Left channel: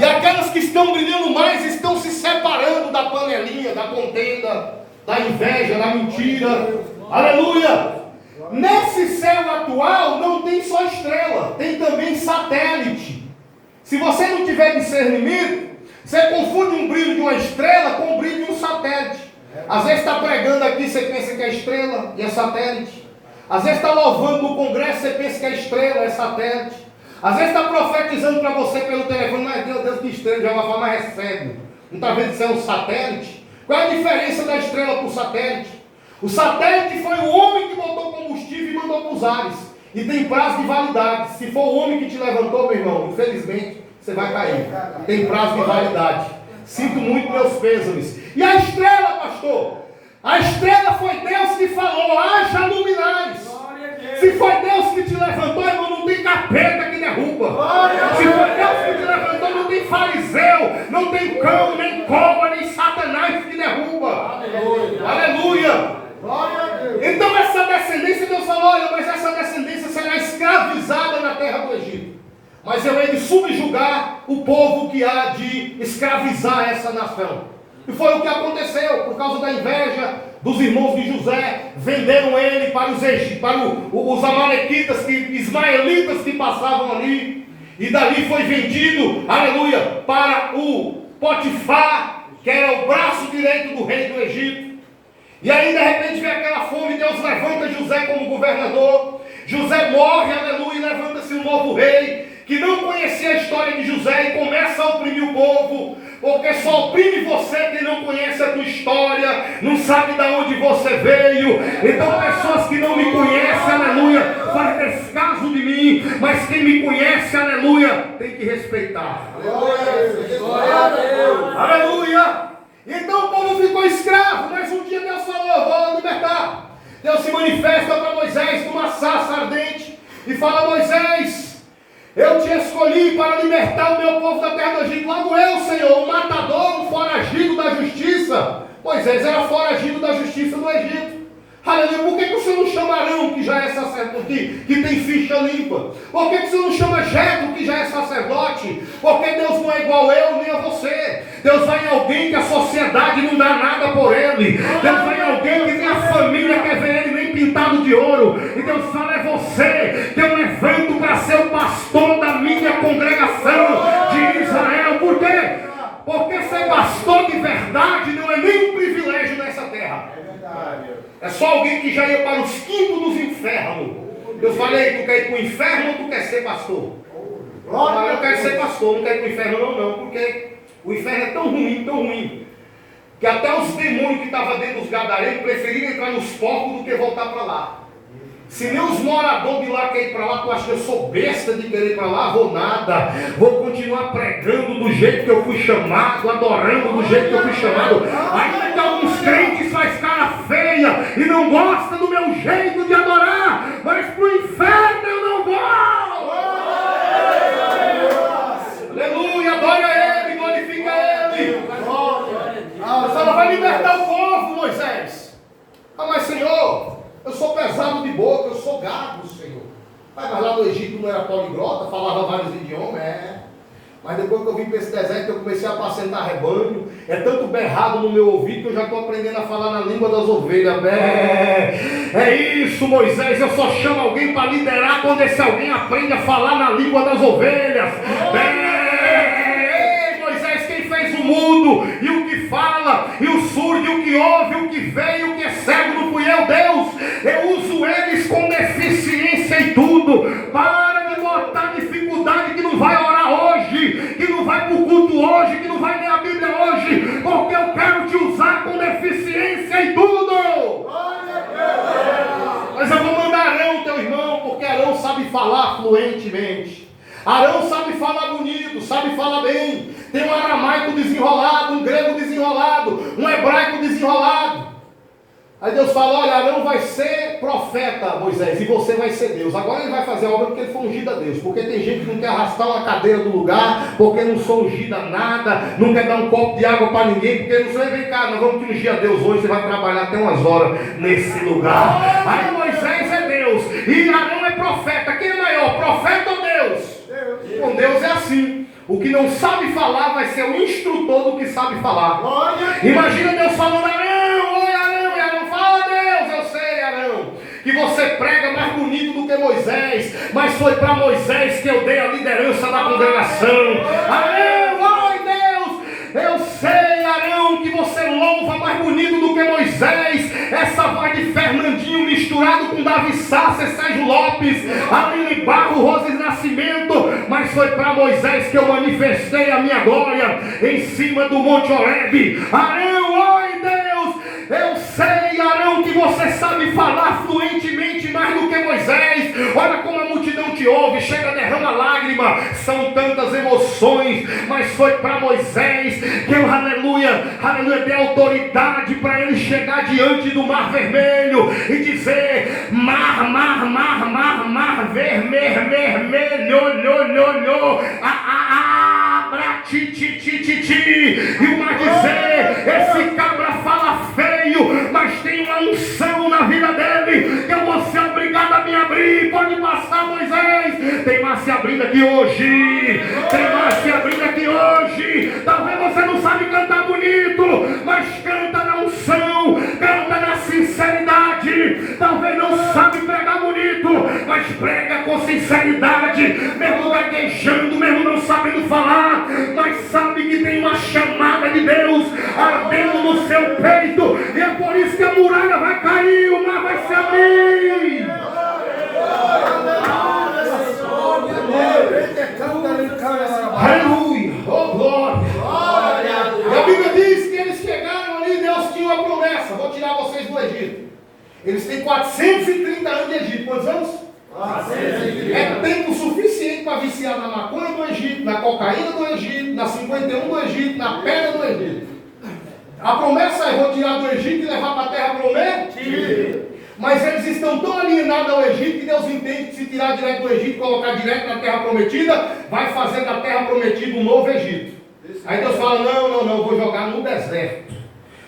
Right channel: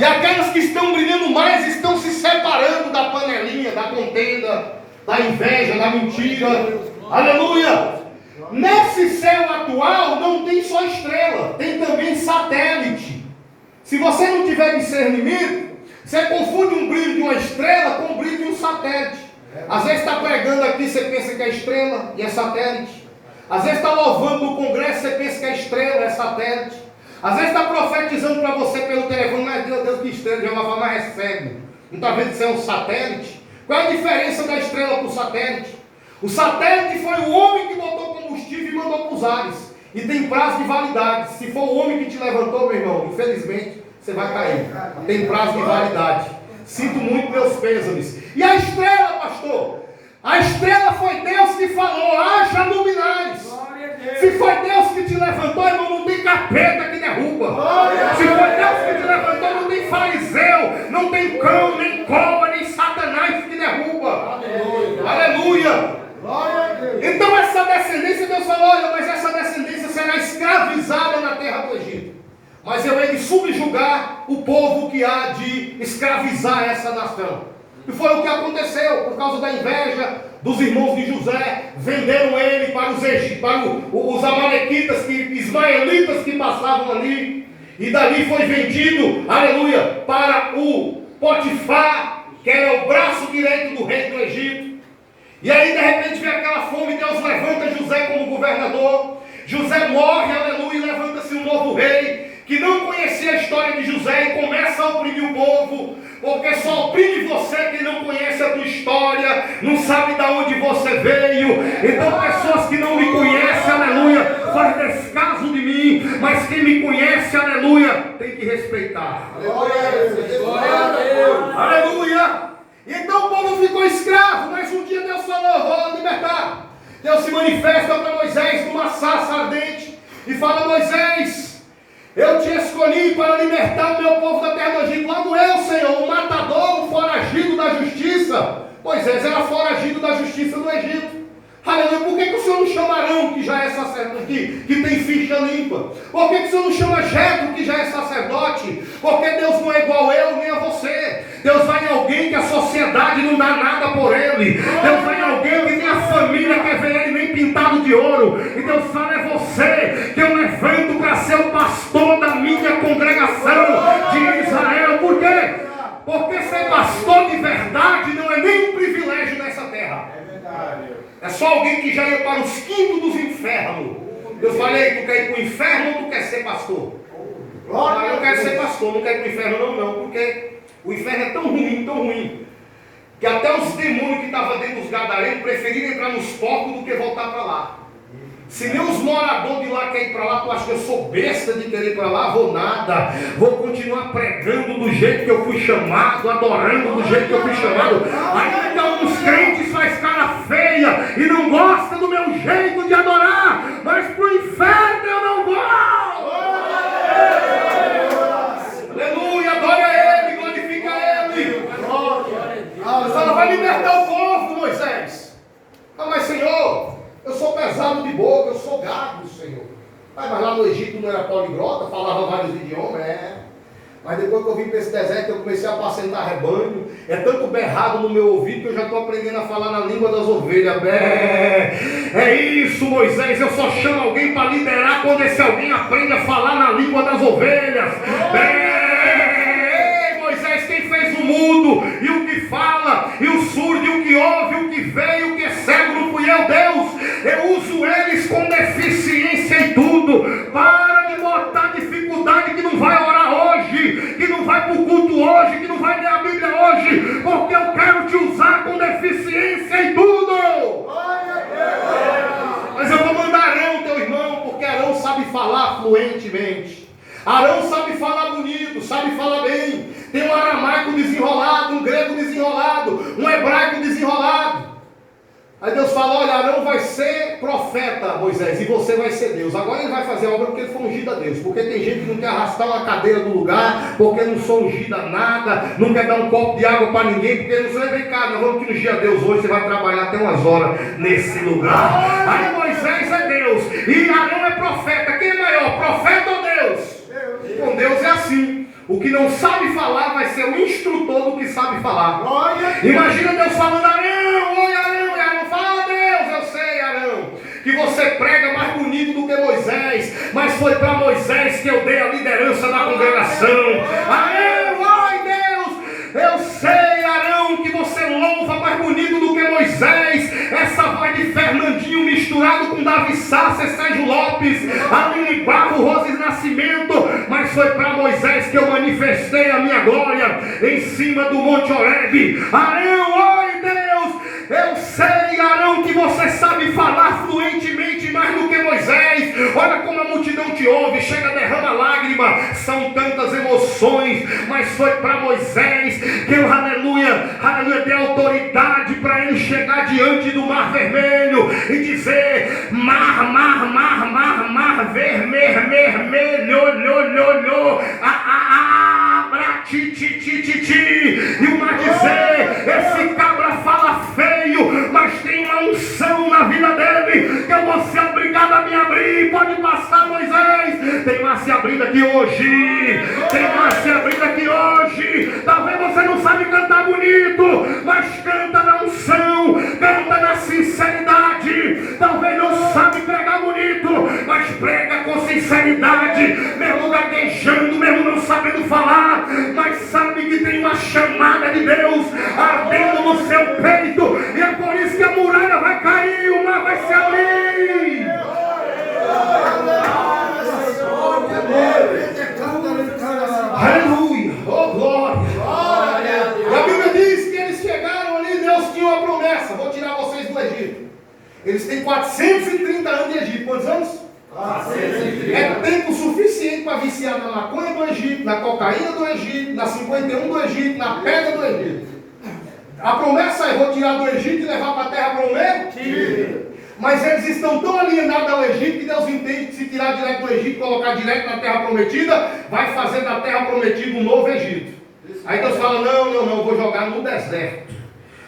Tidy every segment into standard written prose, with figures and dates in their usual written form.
E aquelas que estão brilhando mais estão se separando da panelinha, da contenda, da inveja, da mentira. Aleluia! Nesse céu atual não tem só estrela, tem também satélite. Se você não tiver discernimento, você confunde um brilho de uma estrela com o brilho de um satélite. Às vezes está pregando aqui, você pensa que é estrela e é satélite. Às vezes está louvando no congresso, você pensa que é estrela, é satélite. Às vezes está profetizando para você pelo telefone, mas Deus que estrela, já vai falar, mas recebe. Não está vendo que isso é um satélite? Qual é a diferença da estrela para o satélite? O satélite foi o homem que botou combustível e mandou para os ares. E tem prazo de validade. Se for o homem que te levantou, meu irmão, infelizmente, você vai cair. Tem prazo de validade. Sinto muito meus pêsames. E a estrela, pastor? A estrela foi Deus que falou, haja luminares. Se foi Deus que te levantou, irmão, não tem capeta que derruba. Se foi Deus que te levantou, não tem fariseu, não tem cão, nem cobra, nem satanás que derruba. Aleluia. Então essa descendência, Deus falou, olha, mas essa descendência será escravizada na terra do Egito. Mas eu hei de subjugar o povo que há de escravizar essa nação. E foi o que aconteceu, por causa da inveja dos irmãos de José. Venderam ele para os amalequitas, ismaelitas que passavam ali. E dali foi vendido, aleluia, para o Potifar, que era o braço direito do rei do Egito. E aí de repente vem aquela fome, Deus levanta José como governador. José morre, aleluia, e levanta-se um novo rei, que não conhecia a história de José e começa a oprimir o povo, porque só oprime você quem não conhece a tua história, não sabe de onde você veio. Então pessoas que não me conhecem, aleluia, faz descaso de mim, mas quem me conhece, aleluia, tem que respeitar. Glória a Deus. Aleluia. Então o povo ficou escravo, mas um dia Deus falou, vou libertar. Deus se manifesta para Moisés numa sarça ardente e fala, Moisés, eu te escolhi para libertar o meu povo da terra do Egito. Logo eu, Senhor, o matador, o foragido da justiça. Moisés era foragido da justiça do Egito. Aleluia. Por que o Senhor não chama Arão, que já é sacerdote, que tem ficha limpa? Por que o Senhor não chama Jetro, que já é sacerdote? Porque Deus não é igual eu nem a você. Deus vai em alguém que a sociedade não dá nada por ele. Deus vai em alguém que nem a família quer ver ele nem pintado de ouro. E Deus fala, é você que eu levanto para ser o pastor da minha congregação de Israel. Por quê? Porque ser pastor de verdade não é nem um privilégio nessa terra. É só alguém que já ia para os quintos dos infernos. Eu falei, tu quer ir para o inferno ou tu quer ser pastor? Eu quero ser pastor, não quero ir para o inferno não, porque o inferno é tão ruim, que até os demônios que estavam dentro dos gadarenos preferiram entrar nos porcos do que voltar para lá. Se nem os moradores de lá querem ir para lá, tu acha que eu sou besta de querer ir para lá? Vou nada. Vou continuar pregando do jeito que eu fui chamado, adorando do jeito que eu fui chamado. Ainda alguns crentes faz cara feia e não gosta do meu jeito de adorar, mas para o inferno eu não vou. Aleluia, adore a Ele, glorifica a Ele. Ela vai libertar o povo, Moisés. Mas Senhor, eu sou pesado de boca, eu sou gago, Senhor. Mas lá no Egito não era poliglota, falava vários idiomas, Mas depois que eu vim para esse deserto, eu comecei a apacentar rebanho. É tanto berrado no meu ouvido que eu já estou aprendendo a falar na língua das ovelhas. É isso, Moisés. Eu só chamo alguém para liderar quando esse alguém aprende a falar na língua das ovelhas. Moisés, quem fez o mundo e o que fala, e o surdo, e o que ouve, o que vê, e o que é cego, não fui eu, Deus. Eu uso eles com deficiência em tudo. Para de botar dificuldade que não vai orar hoje, que não vai para o culto hoje, que não vai ler a Bíblia hoje, porque eu quero te usar com deficiência em tudo. Mas eu vou mandar Arão, teu irmão, porque Arão sabe falar fluentemente. Arão sabe falar bonito, sabe falar bem. Tem um aramaico desenrolado, um grego desenrolado, um hebraico desenrolado. Aí Deus fala, olha, Arão vai ser profeta, Moisés, e você vai ser Deus. Agora ele vai fazer a obra porque ele foi ungido a Deus. Porque tem gente que não quer arrastar uma cadeira do lugar, porque não sou ungido a nada, não quer dar um copo de água para ninguém, porque não sei, vem cá, nós vamos te ungir a Deus hoje, você vai trabalhar até umas horas nesse lugar. Aí Moisés é Deus, e Arão é profeta. Quem é maior, profeta ou Deus? Com Deus é assim. O que não sabe falar vai ser o instrutor do que sabe falar. Imagina Deus falando: Arão, oi Arão, e Arão fala: Deus, eu sei, Arão, que você prega mais bonito do que Moisés, mas foi para Moisés que eu dei a liderança da congregação. Arão, oi Deus, eu sei, Arão, que você louva mais bonito do que Moisés. Essa voz de Fernandinho misturado com Davi Sassa, Sérgio Lopes, Aline Barro, Roses Nascimento, mas foi para Moisés que eu manifestei a minha glória em cima do Monte Horebe. Arão, oi Deus, eu sei, Arão, que você sabe falar fluentemente mais do que Moisés. Olha como a multidão te ouve, chega, derrama lágrima, são tantas emoções, mas foi para Moisés que eu, aleluia, dei autoridade para ele chegar diante do mar vermelho e dizer: mar vermelho, abra, ti, e o mar dizer: esse cabra fala feio, mas tem uma unção na vida dele, que eu vou ser obrigado a me abrir. Pode passar, Moisés. Tem mar se abrindo aqui hoje, tem mar se abrindo aqui hoje. Talvez você não sabe cantar bonito, mas canta na unção, canta na sinceridade. Talvez não sabe pregar bonito, mas prega com sinceridade, mesmo gaguejando, mesmo não sabendo falar, mas sabe que tem uma chamada de Deus ardendo no seu peito, e é por isso que a muralha vai cair, o mar vai se abrir. Aleluia, oh glória. E a Bíblia diz que eles chegaram ali, Deus tinha uma promessa: vou tirar vocês do Egito. Eles têm 430 anos de Egito. Quantos anos? 430. É tempo suficiente para viciar na maconha do Egito, na cocaína do Egito, na 51 do Egito, na pedra do Egito. A promessa é: vou tirar do Egito e levar para a terra prometida. Mas eles estão tão alienados ao Egito que Deus entende que se tirar direto do Egito e colocar direto na terra prometida, vai fazer da terra prometida um novo Egito. Aí Deus fala: não, vou jogar no deserto.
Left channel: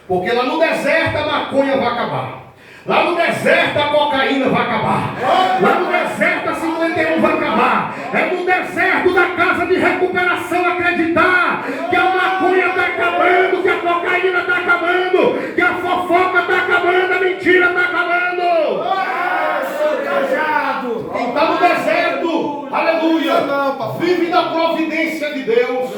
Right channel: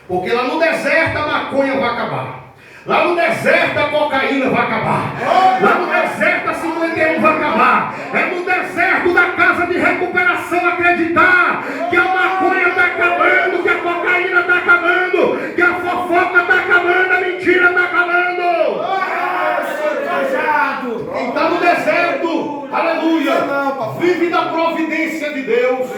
Porque lá no deserto a maconha vai acabar. Lá no deserto a cocaína vai acabar. Lá no deserto a 51 vai acabar. É no deserto da casa de recuperação acreditar que a maconha está acabando, que a cocaína está acabando, que a fofoca está acabando, a mentira está acabando. Quem está no deserto, aleluia, vive da providência de Deus.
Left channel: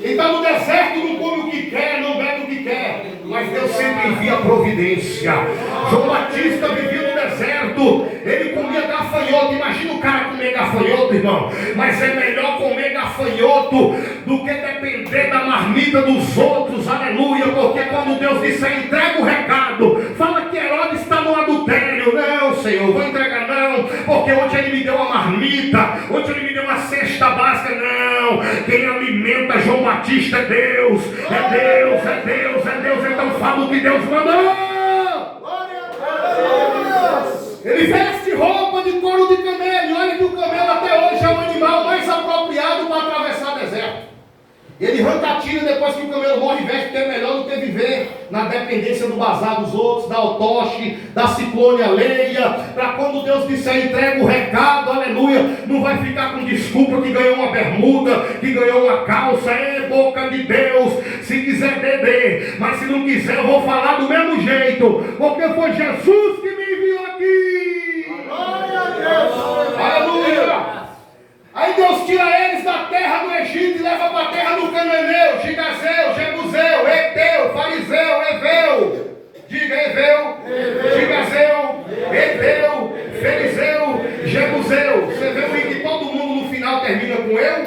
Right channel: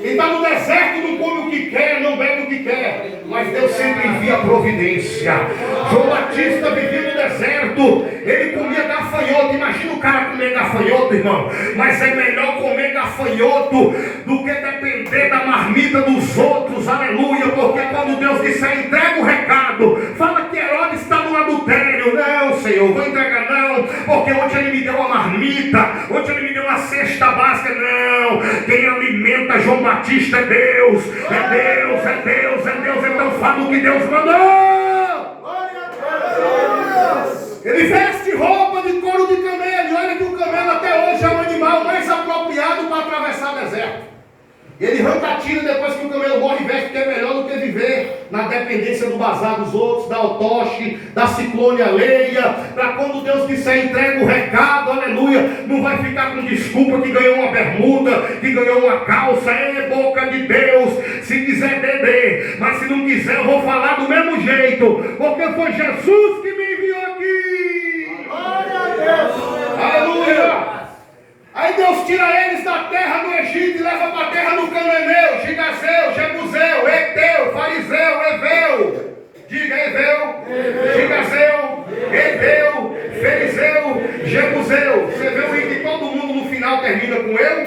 Quem está no deserto não come o que quer, não bebe o que quer, mas Deus sempre envia a providência. João Batista vivia no deserto, ele comia gafanhoto. Imagina o cara comer gafanhoto, irmão. Mas é melhor comer gafanhoto do que depender da marmita dos outros, aleluia. Porque quando Deus disser: entrega o recado, fala que Herodes está no adultério. Não, Senhor, vou entregar não, porque ontem ele me deu uma marmita, ontem ele me deu uma cesta básica. Não, quem alimenta João Batista é Deus, é Deus, é Deus, é Deus. Então fala o que Deus mandou. Ele veste roupa de couro de camelo. E olha que o camelo até hoje é o animal mais apropriado para atravessar o deserto. Ele arranca a tira depois que o camelo morre e veste, porque é melhor do que viver na dependência do bazar dos outros, da otoche, da ciclone alheia. Para quando Deus disser: entrega o recado, aleluia, não vai ficar com desculpa que ganhou uma bermuda, que ganhou uma calça. É boca de Deus, se quiser dê, mas se não quiser eu vou falar do mesmo jeito, porque foi Jesus que me enviou aqui. Glória a Deus. Aleluia. Aí Deus tira eles da terra do Egito e leva para a terra do Cananeu, Gigazeu, Jebuseu, Eteu, Fariseu, Eveu. Diga Eveu, Gigazeu, Eteu, Ferizeu, Jebuseu. Você vê o I que todo mundo no final termina com eu?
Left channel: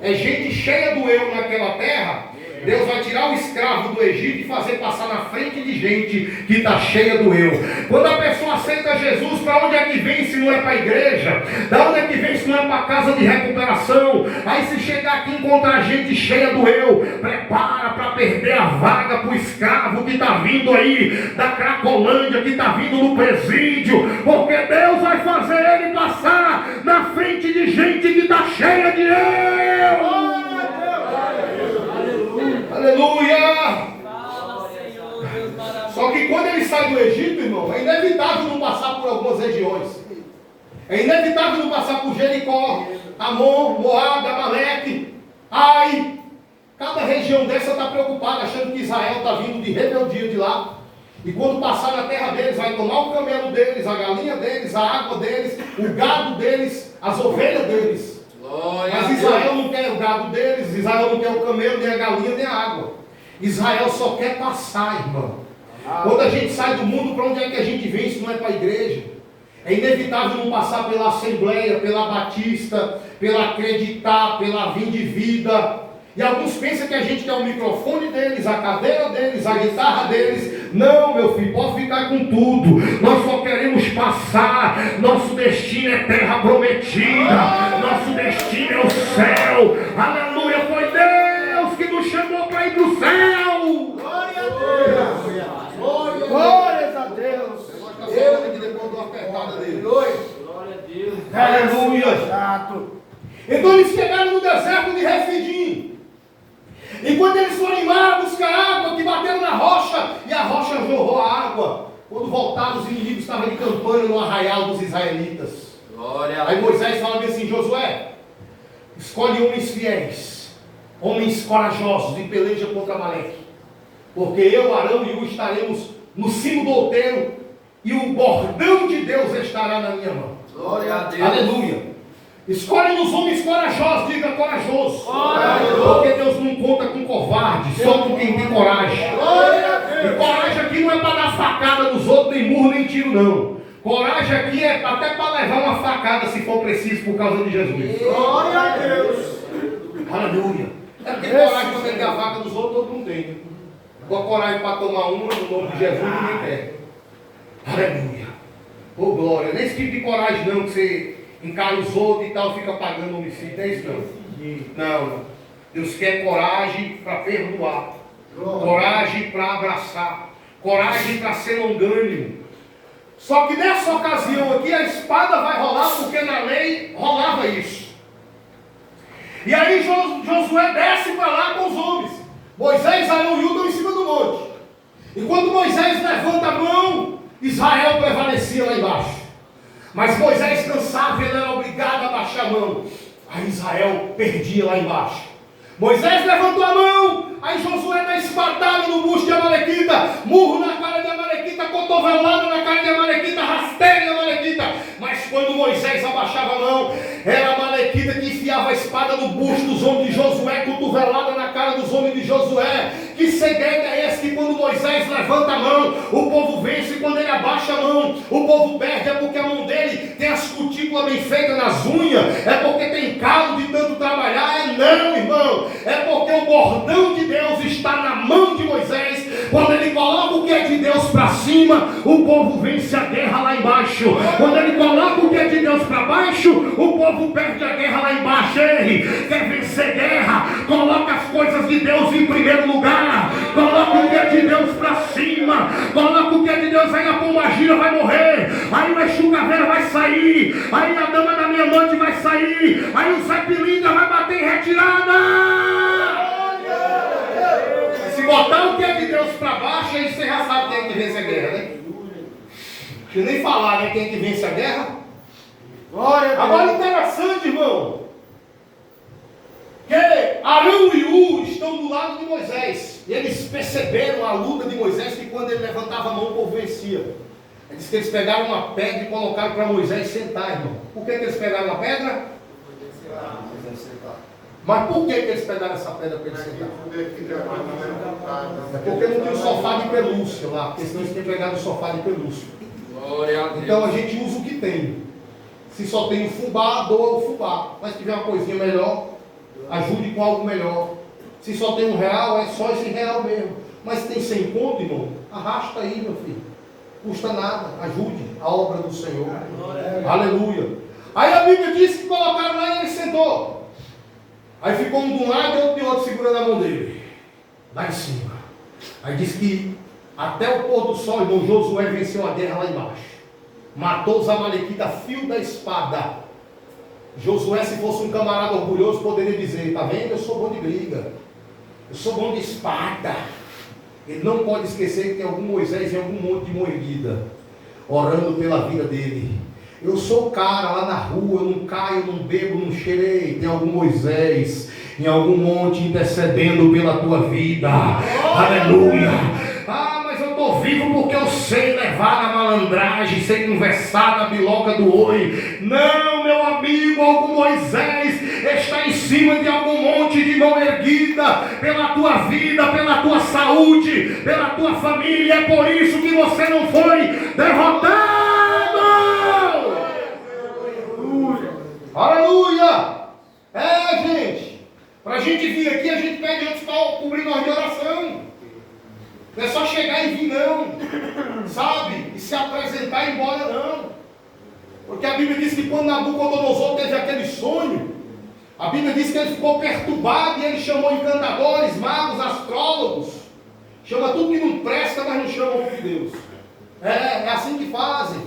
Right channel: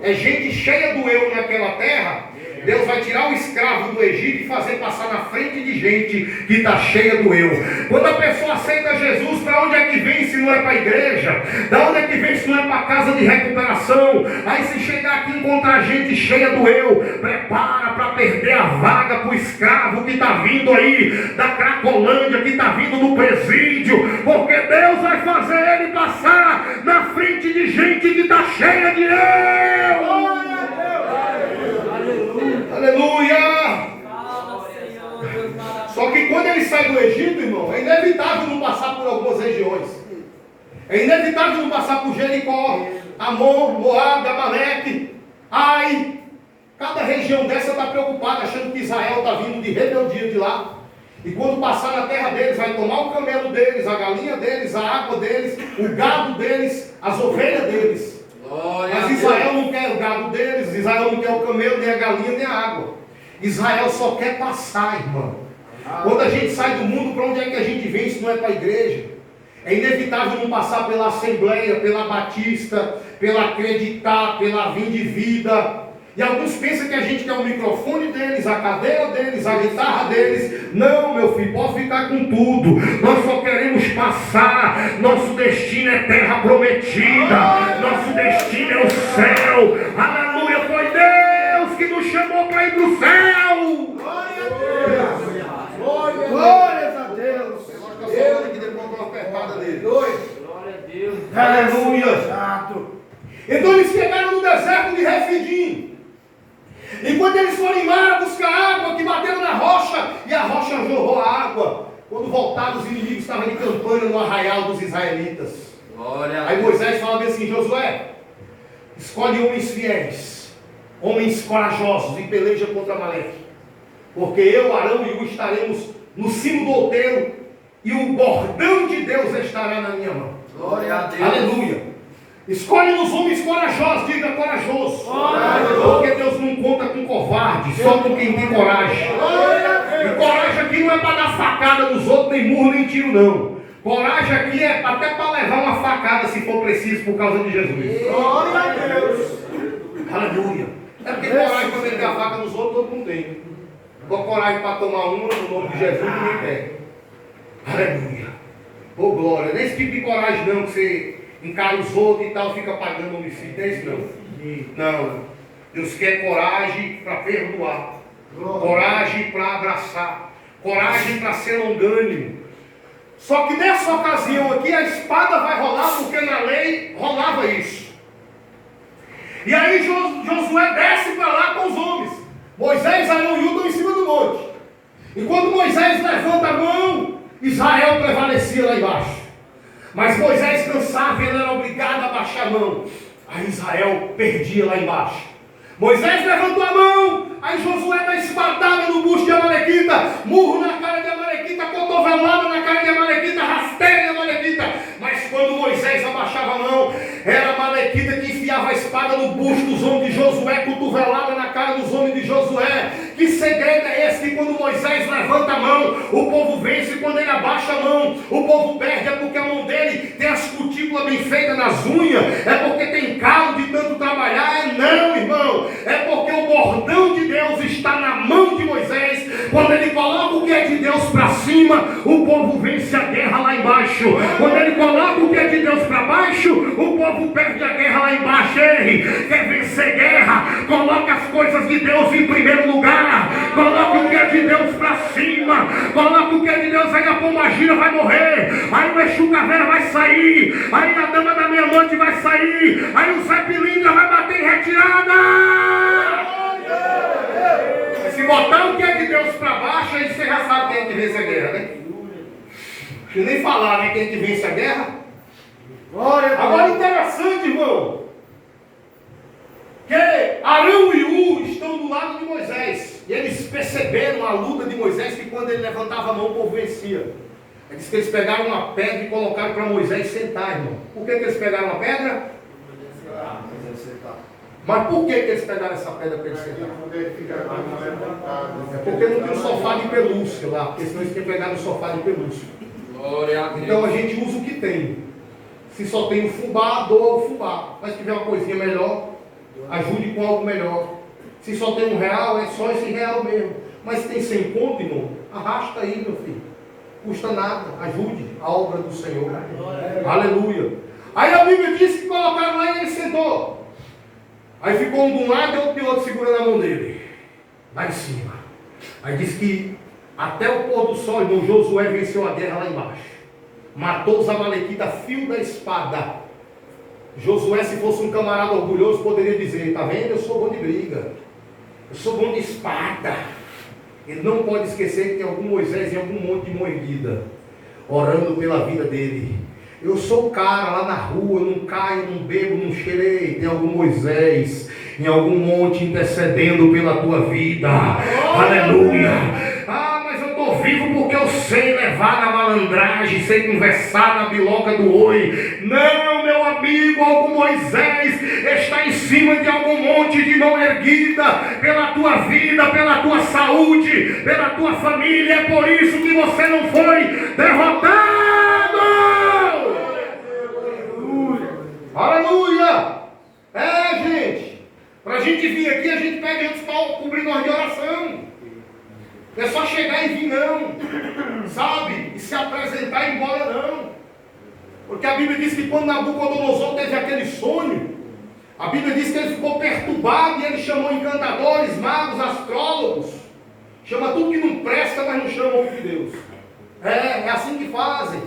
É gente cheia do eu naquela terra. Deus vai tirar o escravo do Egito e fazer passar na frente de gente que está cheia do eu. Quando a pessoa aceita Jesus, para onde é que vem se não é para a igreja? Da onde é que vem se não é para a casa de recuperação? Aí se chegar aqui e encontrar gente cheia do eu, prepara para perder a vaga para o escravo que está vindo aí da Cracolândia, que está vindo do presídio, porque Deus vai fazer ele passar na frente de gente que está cheia de eu. Aleluia! Só que quando ele sai do Egito, irmão, é inevitável não passar por algumas regiões. É inevitável não passar por Jericó. Amon, Moabe, Amaleque, Ai. Cada região dessa está preocupada, achando que Israel está vindo de rebeldia de lá. E quando passar na terra deles, vai tomar o camelo deles, a galinha deles, a água deles, o gado deles, as ovelhas deles. Mas Israel não quer o gado deles, Israel não quer o camelo, nem a galinha, nem a água. Israel só quer passar, irmão. Quando a gente sai do mundo, para onde é que a gente vem se não é para a igreja? É inevitável não passar pela Assembleia, pela Batista, pela Acreditar, pela Vim de Vida. E alguns pensam que a gente quer o microfone deles, a cadeira deles, a guitarra deles. Não, meu filho, pode ficar com tudo. Nós só queremos passar. Nosso destino é terra prometida. Nosso destino é o céu. Aleluia, foi Deus que nos chamou para ir para o céu. Glória a Deus. Glórias a Deus. Eu gosto de falando aqui depois de uma apertada dele. Glória a Deus. Aleluia. Então eles chegaram no deserto de Refidim. E quando eles foram embora buscar água, que bateram na rocha, e a rocha jorrou a água. Quando voltaram, os inimigos estavam de campanha no arraial dos israelitas. Aí Moisés fala assim: Josué, escolhe homens fiéis, homens corajosos, e peleja contra Amaleque. Porque eu, Arão e Hu estaremos no cimo do outeiro, e o bordão de Deus estará na minha mão. Glória a Deus. Aleluia. Escolhe os homens corajosos, diga corajoso. Porque Deus não conta com covarde, só com quem tem coragem. E coragem aqui não é para dar facada nos outros, nem murro, nem tiro, não. Coragem aqui é até para levar uma facada, se for preciso, por causa de Jesus. Glória a Deus. Aleluia. É porque coragem para meter a faca nos outros, todo mundo tem. Agora coragem para tomar uma, no nome de Jesus, ninguém quer. Aleluia. Oh, glória. Não é esse tipo de coragem não, que você encara os outros e tal, fica pagando homicídio. Não é isso não. Não. Deus quer coragem para perdoar. Coragem para abraçar. Coragem para ser longânimo. Só que nessa ocasião aqui a espada vai rolar, porque na lei rolava isso. E aí Josué desce para lá com os homens. Moisés, Arão e Hu estão em cima do monte. E quando Moisés levanta a mão, Israel prevalecia lá embaixo. Mas Moisés cansava e ele era obrigado a baixar a mão. Aí Israel perdia lá embaixo. Moisés levantou a mão. Aí Josué dá espadada no busto de Amalequita, murro na cara de Amalequita, cotovelada na cara de Amalequita, rasteira de Amalequita. Mas quando Moisés abaixava a mão, era Amalequita que enfiava a espada no busto dos homens de Josué, cotovelada na cara dos homens de Josué. Que segredo é esse que quando Moisés levanta a mão, o povo vence, e quando ele abaixa a mão, o povo perde? É porque a mão dele tem as cutículas bem feitas nas unhas, é porque tem calo de tanto trabalhar? Não, irmão, é porque o bordão de Deus está na mão de Moisés. Quando ele coloca o que é de Deus para cima, o povo vence a guerra lá embaixo. Quando ele coloca o que é de Deus para baixo, o povo perde a guerra lá embaixo. Ele quer vencer guerra, coloca as coisas de Deus em primeiro lugar. Coloca o que é de Deus para cima. Coloca o que é de Deus, aí a pombagira vai morrer, aí o Exu Caveira vai sair, aí a dama da minha amante vai sair, aí o Zé Pilinga vai bater em retirada. Mas se botar o que é de Deus para baixo, aí você já sabe quem é que vence a guerra, né? Deixa eu nem falar, né? Quem é que vence a guerra. Agora interessante, irmão, que Arão e Hu estão do lado de Moisés. E eles perceberam a luta de Moisés, que quando ele levantava a mão, o povo vencia. Diz que eles pegaram uma pedra e colocaram para Moisés sentar, irmão. Por que eles pegaram a pedra? Mas por que eles pegaram essa pedra para ele sentar? É porque não tem um sofá de pelúcia lá, porque senão eles têm pegado um sofá de pelúcia. Então a gente usa o que tem. Se só tem o fubá, doa o fubá. Mas se tiver uma coisinha melhor, ajude com algo melhor. Se só tem R$1, é só esse R$1 mesmo. Mas se tem 100 conto, irmão, arrasta aí, meu filho. Custa nada, ajude a obra do Senhor. Aleluia. Aí a Bíblia diz que colocaram lá e ele sentou. Aí ficou um de um lado e outro de outro segurando a mão dele. Lá em cima. Aí diz que até o pôr do sol, irmão, Josué venceu a guerra lá embaixo. Matou os amalequitas a fio da espada. Josué, se fosse um camarada orgulhoso, poderia dizer: tá vendo, eu sou bom de briga, eu sou bom de espada. Ele não pode esquecer que tem algum Moisés em algum monte de mão erguida, orando pela vida dele, Eu sou o cara lá na rua, eu não caio, não bebo, não cheirei. Tem algum Moisés em algum monte intercedendo pela tua vida. Aleluia. Ah, mas eu estou vivo porque eu sei levar na malandragem, sei conversar na biloca do oi. Não, meu amigo, algum Moisés está em cima de algum monte de mão erguida pela tua vida, pela tua saúde, pela tua família. É por isso que você não foi derrotado. Aleluia! É, gente, para a gente vir aqui, a gente pede antes para cobrir nós de oração. Não é só chegar e vir, não, sabe? E se apresentar e ir embora, não. Porque a Bíblia diz que quando Nabucodonosor teve aquele sonho, a Bíblia diz que ele ficou perturbado e ele chamou encantadores, magos, astrólogos. Chama tudo que não presta, mas não chama o de Deus. É assim que fazem,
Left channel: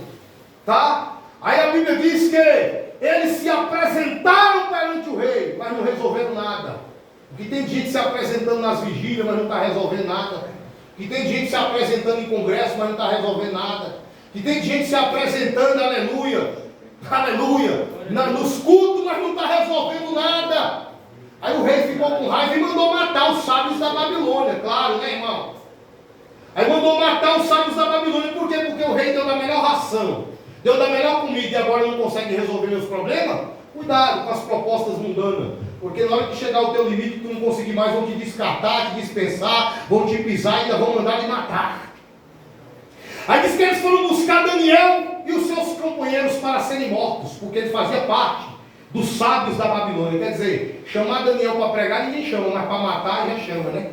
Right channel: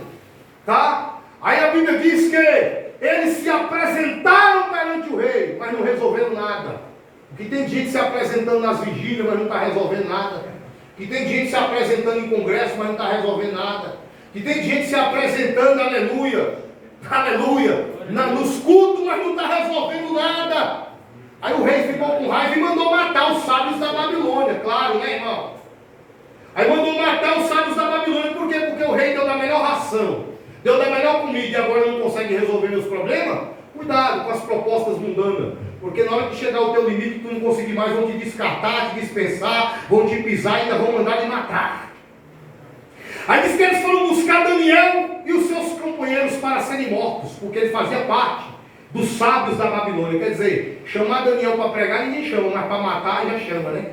tá? Aí a Bíblia diz que eles se apresentaram perante o rei, mas não resolveram nada. Porque tem gente se apresentando nas vigílias, mas não está resolvendo nada. Que tem gente se apresentando em congresso, mas não está resolvendo nada. Que tem gente se apresentando, aleluia, aleluia, nos cultos, mas não está resolvendo nada. Aí o rei ficou com raiva e mandou matar os sábios da Babilônia, claro, né, irmão? Aí mandou matar os sábios da Babilônia, por quê? Porque o rei deu da melhor ração, deu da melhor comida e agora não consegue resolver meus problemas. Cuidado com as propostas mundanas, porque na hora que chegar o teu limite, tu não conseguir mais, vão te descartar, te dispensar, vão te pisar e ainda vão mandar te matar. Aí diz que eles foram buscar Daniel e os seus companheiros para serem mortos, porque ele fazia parte dos sábios da Babilônia. Quer dizer, chamar Daniel para pregar ninguém chama, mas para matar já chama, né?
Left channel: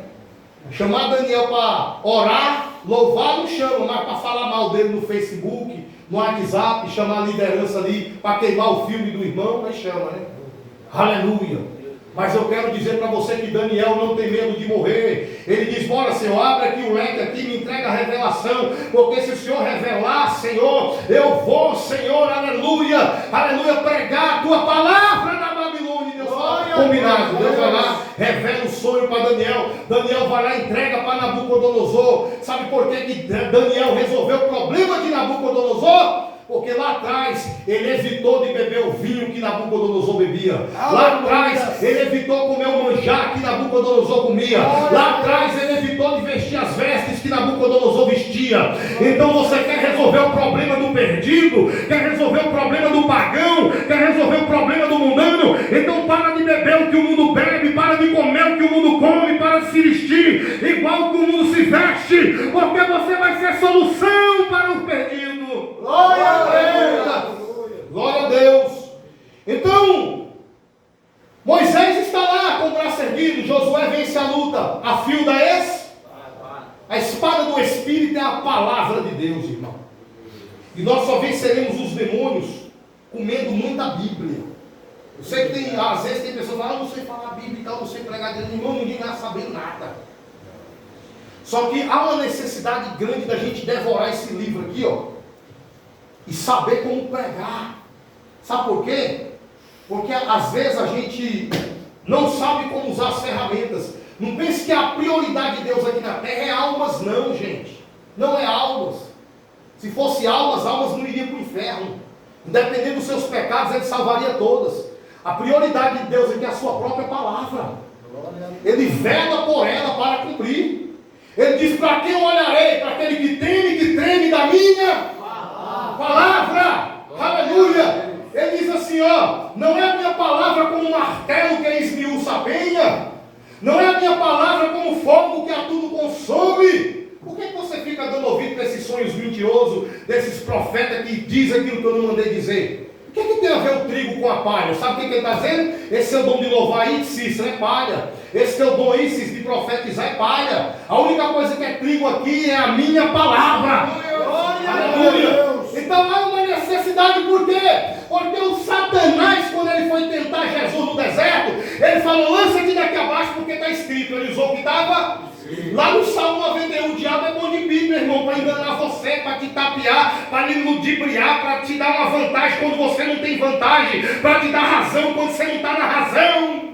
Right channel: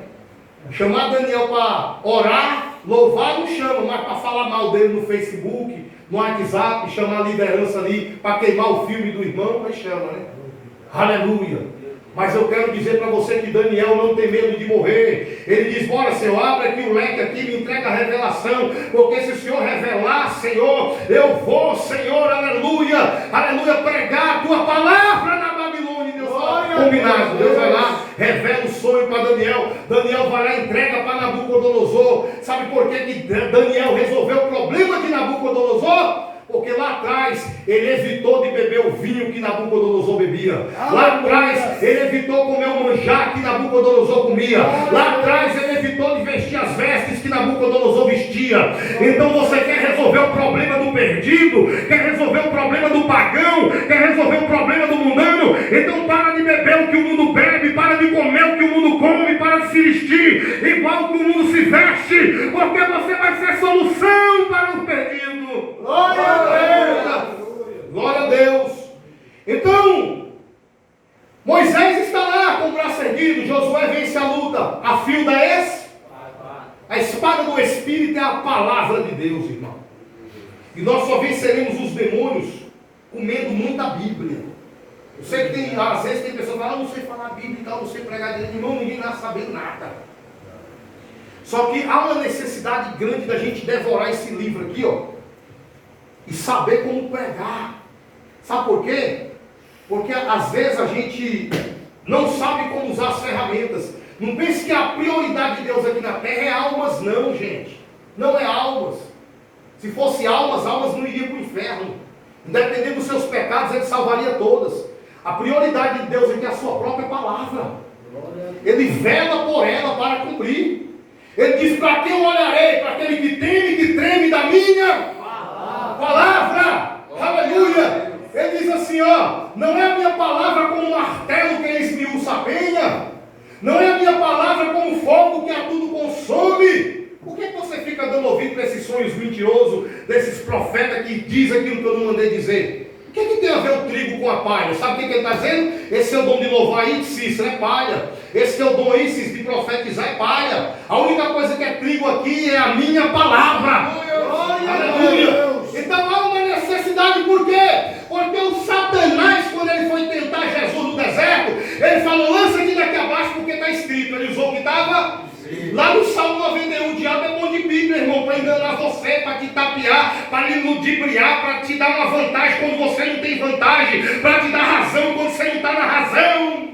Chamar Daniel para orar, louvar não chama, mas para falar mal dele no Facebook, no WhatsApp, chamar a liderança ali para queimar o filme do irmão, aí chama, né? Aleluia. Mas eu quero dizer para você que Daniel não tem medo de morrer. Ele diz, bora Senhor, abre aqui o leque aqui, me entrega a revelação, porque se o Senhor revelar, Senhor, eu vou, Senhor, aleluia, aleluia, pregar a tua palavra na Babilônia. Deus fala, combinado, Deus vai lá, revela o sonho para Daniel. Daniel vai lá e entrega para Nabucodonosor. Sabe por que Daniel resolveu o problema de Nabucodonosor? Porque lá atrás ele evitou de beber o vinho que Nabucodonosor bebia. Lá atrás ele evitou comer o manjar que Nabucodonosor comia. Lá atrás ele evitou de vestir as vestes que Nabucodonosor vestia. Então você quer resolver o problema do perdido? Quer resolver o problema do pagão? Quer resolver o problema do mundano? Então para de beber o que o mundo bebe, para de comer o que o mundo come, para de se vestir igual que o mundo se veste, porque você vai ser solução para o perdido. Glória a Deus! Glória a Deus! Então, Moisés está lá com o braço erguido, Josué vence a luta, a fio da a espada do Espírito é a palavra de Deus, irmão. E nós só venceremos os demônios comendo muita Bíblia. Eu sei que tem, às vezes tem pessoas que falam, não sei falar Bíblia e tal, não sei pregar direito, irmão, ninguém vai saber nada. Só que há uma necessidade grande da gente devorar esse livro aqui, ó. E saber como pregar. Sabe por quê? Porque às vezes a gente não sabe como usar as ferramentas. Não pense que a prioridade de Deus aqui na terra é almas, não, gente. Não é almas. Se fosse almas, almas não iriam para o inferno. Independente dos seus pecados, Ele salvaria todas. A prioridade de Deus aqui é a sua própria palavra. Ele vela por ela para cumprir. Ele diz, para quem eu olharei? Para aquele que teme, que treme da minha palavra, aleluia. Ele diz assim, ó, não é a minha palavra como um martelo que esmiuça a penha, não é a minha palavra como fogo que a tudo consome. Por que você fica dando ouvido para esses sonhos mentirosos, desses profetas que dizem aquilo que eu não mandei dizer? O que tem a ver o trigo com a palha? Sabe o que ele está dizendo? Esse é o dom de louvar aí, Cícero, é palha. Esse é o dom aí, Cícero, de profetizar, é palha. A única coisa que é trigo aqui é a minha palavra. Aleluia. Então há uma necessidade, por quê? Porque o Satanás, quando ele foi tentar Jesus no deserto, ele falou, lança-te daqui abaixo, porque está escrito. Ele usou o que estava lá no Salmo 91, o diabo é bom de Bíblia, irmão, para enganar você, para te tapear, para lhe ludibriar, para te dar uma vantagem quando você não tem vantagem, para te dar razão quando você não está na razão.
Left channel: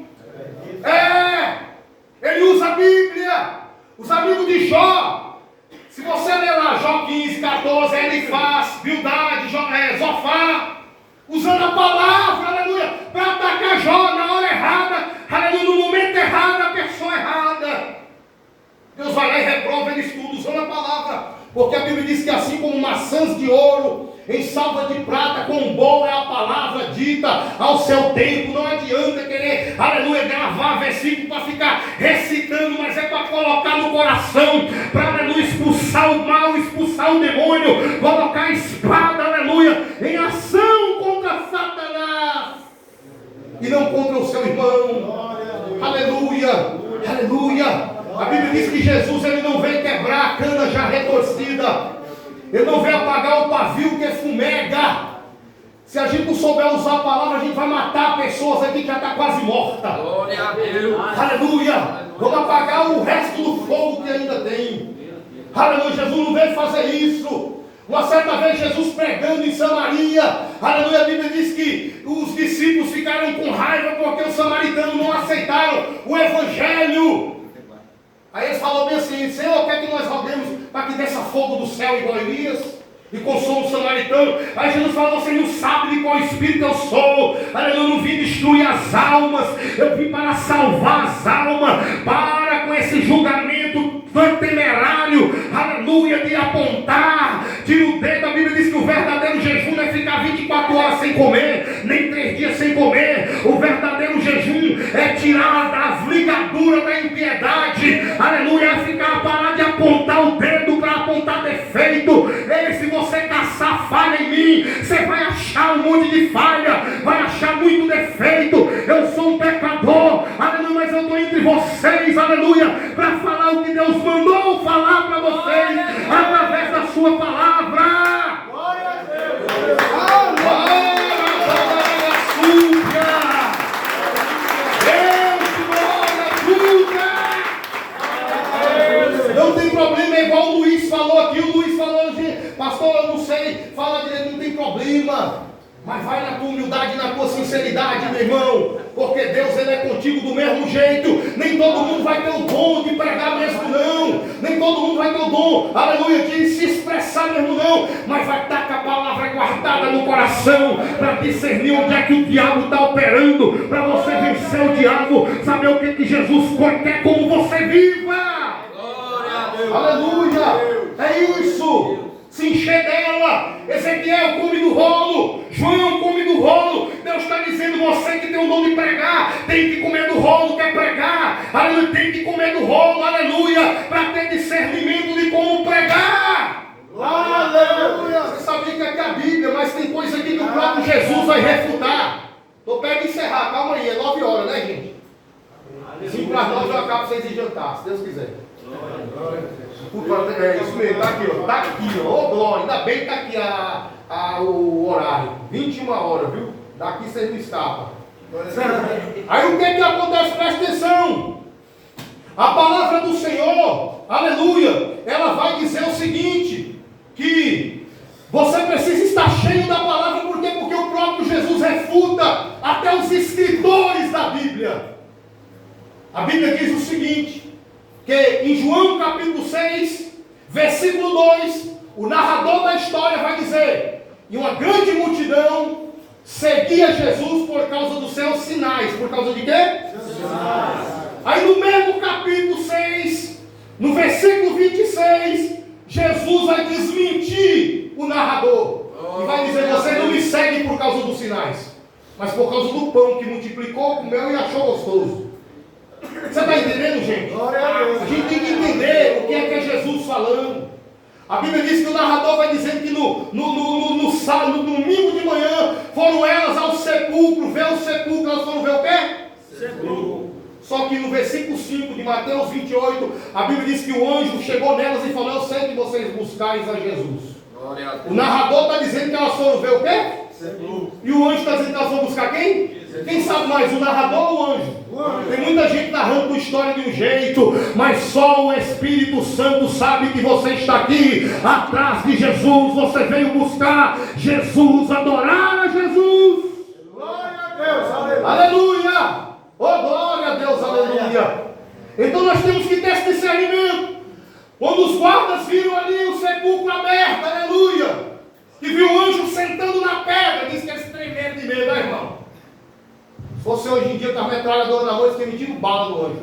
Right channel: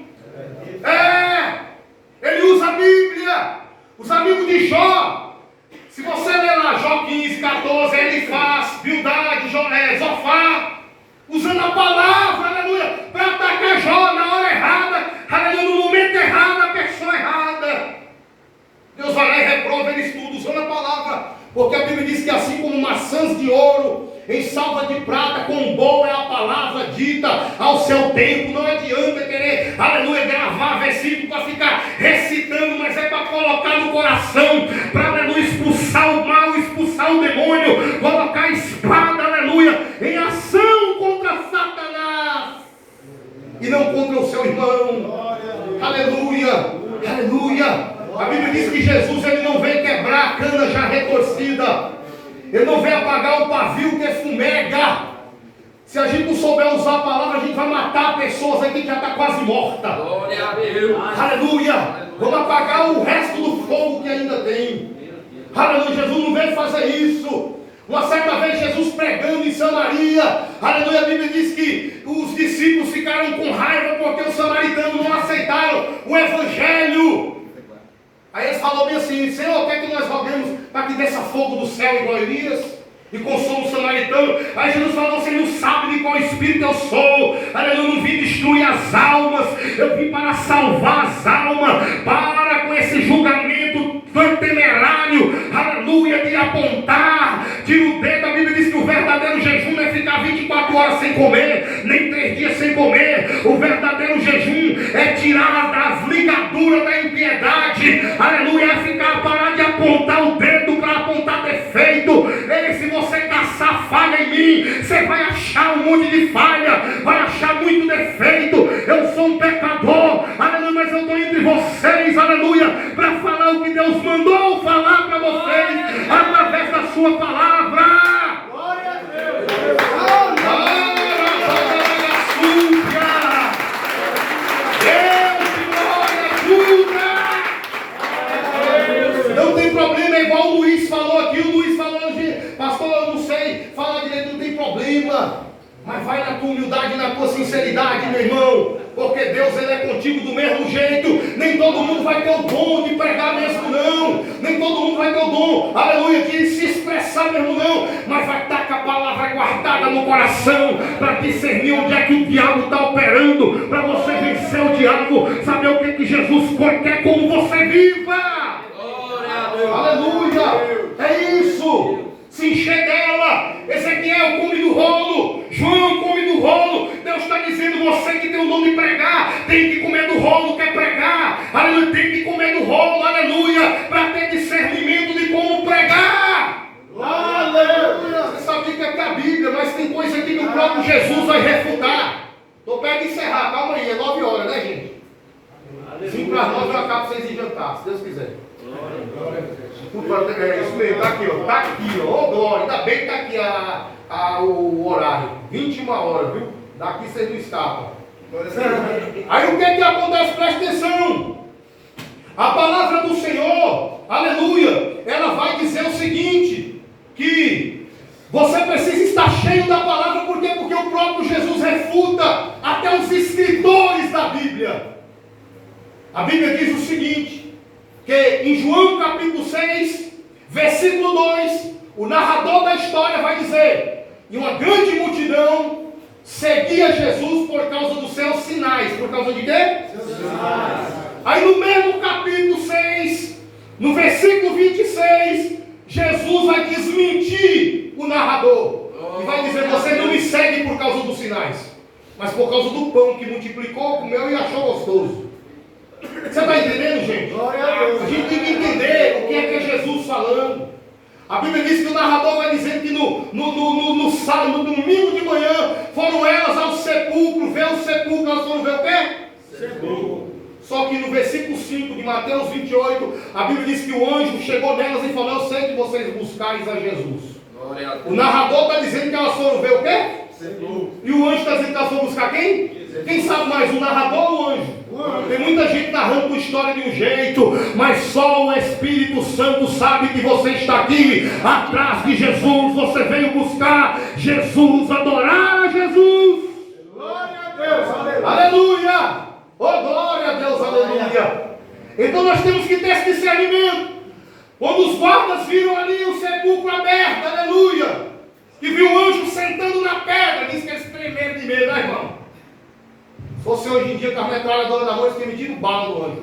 Ele usa a Bíblia. Os amigos de Jó, se você ler lá Jó 15, 14, ele faz Bildade, Zofar, vai lá e reprova eles tudo, usando a palavra. Porque a Bíblia diz que assim como maçãs de ouro em salva de prata, quão boa é a palavra dita ao seu tempo. Não adianta querer, aleluia, gravar versículo para ficar recitando, mas é para colocar no coração, para, aleluia, expulsar o mal, expulsar o demônio, colocar a espada, aleluia, em ação contra Satanás e não contra o seu irmão. Aleluia, aleluia. A Bíblia diz que Jesus, ele não veio quebrar a cana já retorcida, ele não veio apagar o pavio que fumega. Se a gente não souber usar a palavra, a gente vai matar pessoas aqui que já está quase morta. Glória a Deus. Aleluia. Vamos apagar o resto do fogo que ainda tem. Aleluia. Jesus não veio fazer isso. Uma certa vez Jesus pregando em Samaria, aleluia, a Bíblia diz que os discípulos ficaram com raiva porque os samaritanos não aceitaram o Evangelho. Aí eles falaram bem assim: Senhor, quer que nós roguemos para que desça fogo do céu igual Elias e consome o samaritano? Aí Jesus falou: você não sabe de qual espírito eu sou. Aleluia, eu não vim destruir as almas, eu vim para salvar as almas. Para com esse julgamento temerário, aleluia, de apontar, tira o dedo. A Bíblia diz que o verdadeiro jejum não é ficar 24 horas sem comer, nem 3 dias sem comer. O verdadeiro jejum é tirar as ligaduras da impiedade, aleluia, é ficar, parar de apontar o dedo para apontar defeito. E se você caçar falha em mim, você vai achar um monte de falha, vai achar muito defeito. Eu sou um pecador, aleluia, mas eu estou entre vocês, aleluia, para falar o que Deus mandou falar para vocês, através da sua palavra. Glória a Deus. Não tem problema, é igual o Luiz falou aqui. O Luiz falou hoje: pastor, eu não sei falar direito, não tem problema. Mas vai na tua humildade, na tua sinceridade, meu irmão. Porque Deus, ele é contigo do mesmo jeito. Nem todo mundo vai ter o dom de pregar mesmo, não. Nem todo mundo vai ter o dom, aleluia, de se expressar mesmo, não. Mas vai estar com a palavra guardada no coração, para discernir onde é que o diabo está operando, para você vencer o diabo, saber o que Jesus quer como você viva. Aleluia, é isso. Se encher dela. Ezequiel come do rolo, João come do rolo. Deus está dizendo: você que tem o dom de pregar, tem que comer do rolo, quer pregar, aleluia, tem que comer do rolo, aleluia, para ter discernimento de como pregar. Aleluia. Você sabia que aqui é a Bíblia, mas tem coisa aqui que o próprio Jesus vai refutar. Estou perto de encerrar, calma aí, é 9 horas, né, gente? 5 para 9 eu acabo vocês em jantar, se Deus quiser. É isso mesmo, está aqui, ó. Está aqui, ó. Ô, glória, ainda bem que está aqui o horário. 21 horas, viu? Daqui vocês não escapam. Aí o que acontece? Presta atenção. A palavra do Senhor, aleluia, ela vai dizer o seguinte: que você precisa estar cheio da palavra. Por quê? Porque o próprio Jesus refuta até os escritores da Bíblia. A Bíblia diz o seguinte: que em João capítulo 6, versículo 2, o narrador da história vai dizer: e uma grande multidão seguia Jesus por causa dos seus sinais. Por causa de quê? Sinais. Aí no mesmo capítulo 6, no versículo 26, Jesus vai desmentir o narrador. E vai dizer: você não me segue por causa dos sinais, mas por causa do pão que multiplicou, comeu e achou gostoso. Você está entendendo, gente? A gente tem que entender o que é Jesus falando. A Bíblia diz que o narrador vai dizendo que no domingo de manhã foram elas ao sepulcro, ver o sepulcro. Elas foram ver o quê? Sepulcro. Só que no versículo 5 de Mateus 28, a Bíblia diz que o anjo chegou nelas e falou: eu sei que vocês buscais a Jesus. O narrador está dizendo que elas foram ver o quê? Sepulcro. E o anjo está dizendo que elas foram buscar quem? Quem sabe mais, o narrador ou o anjo? Tem muita gente narrando a história de um jeito, mas só o Espírito Santo sabe que você está aqui atrás de Jesus. Você veio buscar Jesus, adorar a Jesus. Glória a Deus, aleluia. Aleluia. Oh, glória a Deus, aleluia. Então nós temos que ter esse discernimento. Quando os guardas viram ali o sepulcro aberto, aleluia, que viu o anjo sentando na pedra, diz que eles tremeram de medo, né, irmão? Se fosse hoje em dia com a metralhadora na mão, eles tinham metido bala do anjo.